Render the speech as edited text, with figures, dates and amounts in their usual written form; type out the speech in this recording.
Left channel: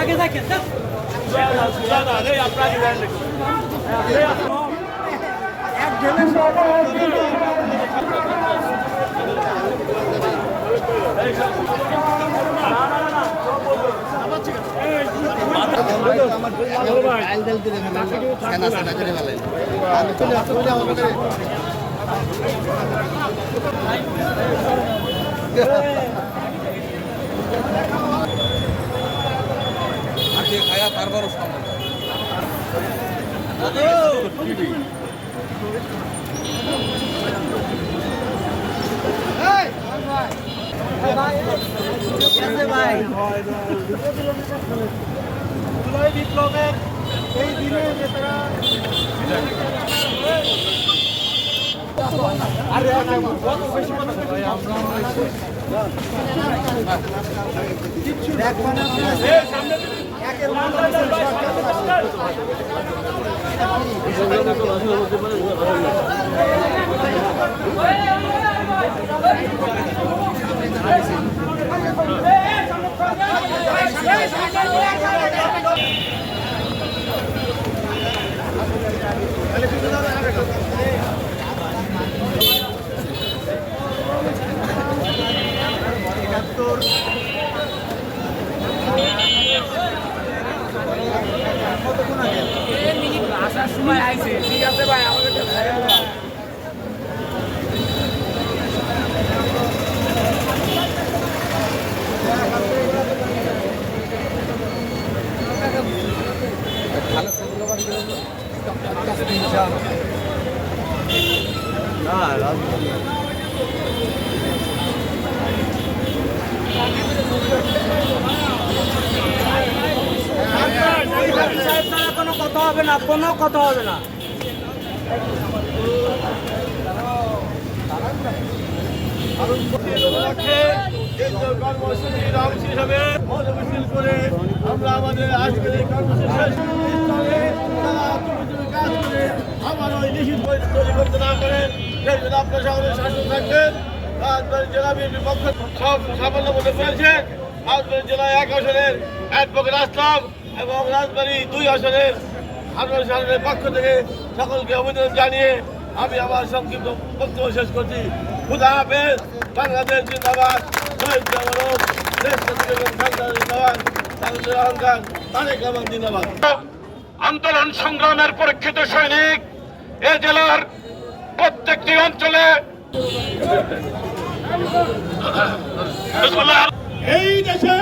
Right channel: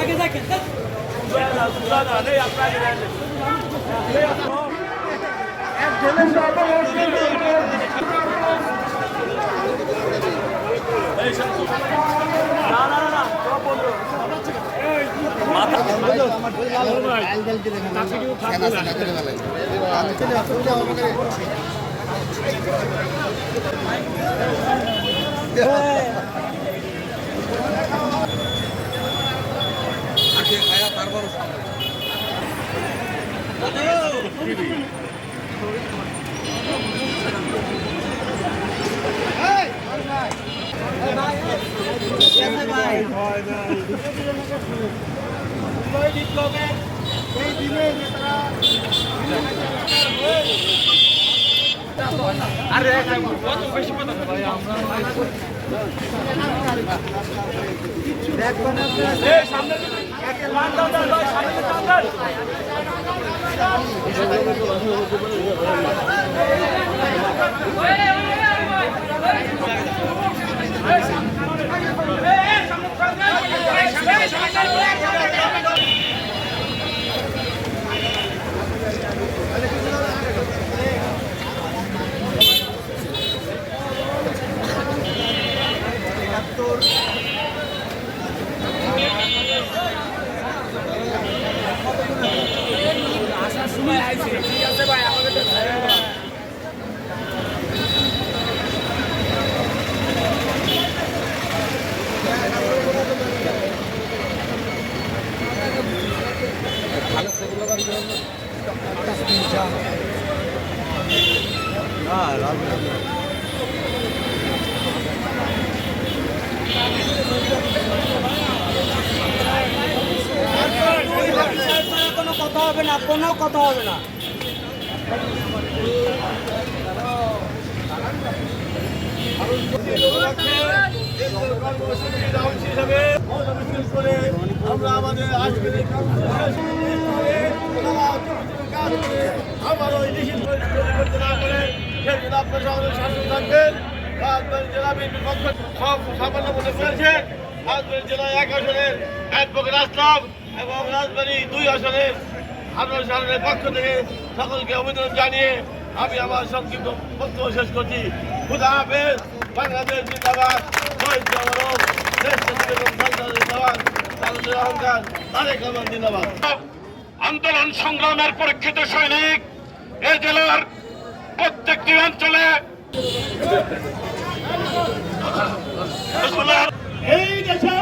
আগে দেখেন খায়া তারপর বিপ্লবের এই দিনে আরে কত বেশি কথা আসার সময় আইছে ঠিক আছে ভাই ভালো ছবি লাগান না রাজনীতি কোনো কথা হবে না, কোনো কথা হবে না। কর্মসূচির অংশ হিসাবে করে আমরা আমাদের আজকের এই কর্মসূচিস্থলে কাজ করে আমার ওই নিষিদ্ধ তৈরি করতে না করে সেই জন্য আপনার সকলের শাসন থাকবেন। রাজবাড়ী জেলা বিএনপির পক্ষ সব সাফল্য মনে করেছে। রাজবাড়ী জেলায় 1 আসনের অ্যাডভোকেট আসলাম এবং রাজবাড়ী 2 আসনের আনোয়ার সাহেবের পক্ষ থেকে সকলকে অভিনন্দন জানিয়ে আমি আমার সংক্ষিপ্ত বক্তব্য শেষ করছি। খুদা হাফেজ। বাংলাদেশ জিন্দাবাদ। শহীদ জামানত দেশ এবং জিন্দাবাদ। তাদের অহংকার তারেক রহমান জিন্দাবাদ। আন্দোলন সংগ্রামের পরীক্ষিত সৈনিক এ জেলার প্রত্যেকটি অঞ্চলে এই দেশে